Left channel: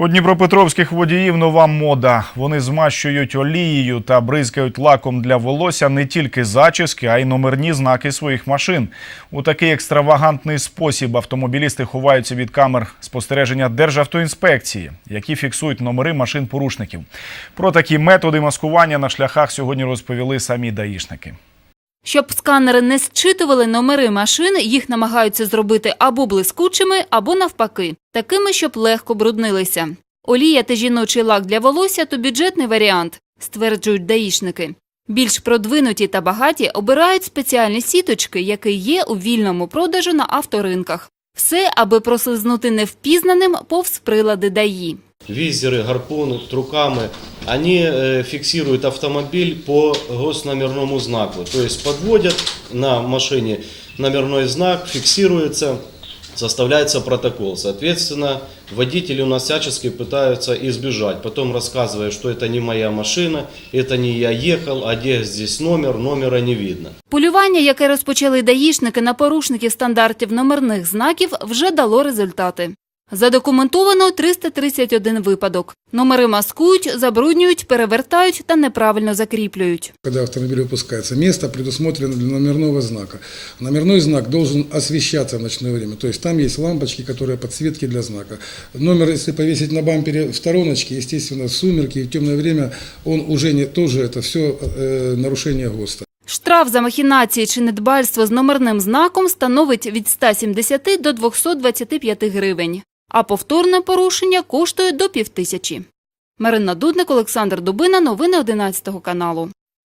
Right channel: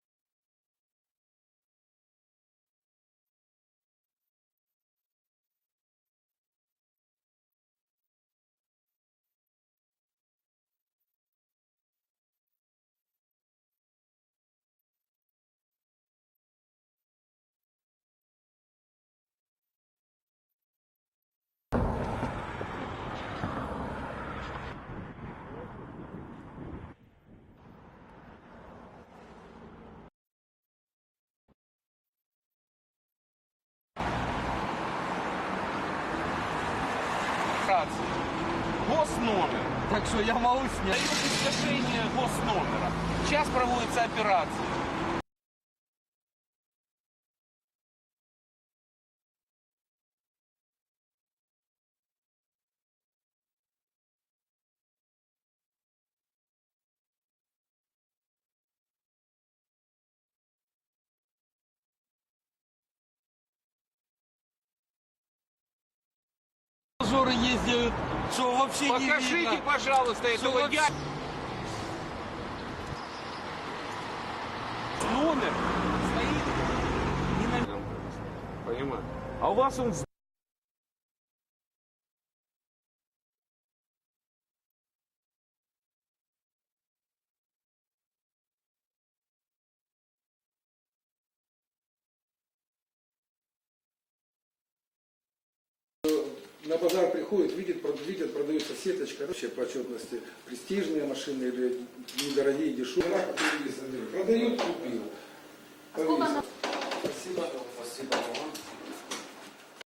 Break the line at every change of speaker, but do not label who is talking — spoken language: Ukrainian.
У дніпропетровських водіїв нова мода. Вони змащують олією та бризкають лаком для волосся не тільки зачіски, а й номерні знаки своїх машин. У такий екстравагантний спосіб автомобілісти ховаються від камер спостереження Державтоінспекції, які фіксують номери машин порушників. Про такі методи маскування на шляхах сьогодні розповіли самі даїшники.
Щоб сканери не зчитували номери машин, їх намагаються зробити або блискучими, або навпаки, такими, щоб легко бруднилися. Олія та жіночий лак для волосся – то бюджетний варіант, стверджують даїшники. Більш продвинуті та багаті обирають спеціальні сіточки, які є у вільному продажу на авторинках. Все, аби прослизнути невпізнаним повз прилади ДАІ.
визеры, гарпуны, трукамы, они э, фиксируют автомобиль по госномерному знаку. То есть подводят на машине номерной знак, фиксируется, составляется протокол. Соответственно, водители у нас всячески пытаются избежать. Потом рассказывая, что это не моя машина, это не я ехал, а где здесь номер, номера не видно.
Полювання, яке розпочали даїшники на порушників стандартів номерних знаків, вже дало результати. Задокументовано 331 випадок. Номери маскують, забруднюють, перевертають та неправильно закріплюють.
Когда автомобиль выпускается, место предусмотрено для номерного знака. Номерной знак должен освещаться в ночное время, то есть там есть лампочки, которые подсветки для знака. Номер, если повесить на бампере в стороночке, естественно, в сумерки и в темное время, он уже не, тоже это все э, нарушение ГОСТа.
Штраф за махінації чи недбальство з номерним знаком становить від 170 до 225 гривень, а повторне порушення коштує до півтисячі. Марина Дудник, Олександр Дубина. Новини 11 каналу.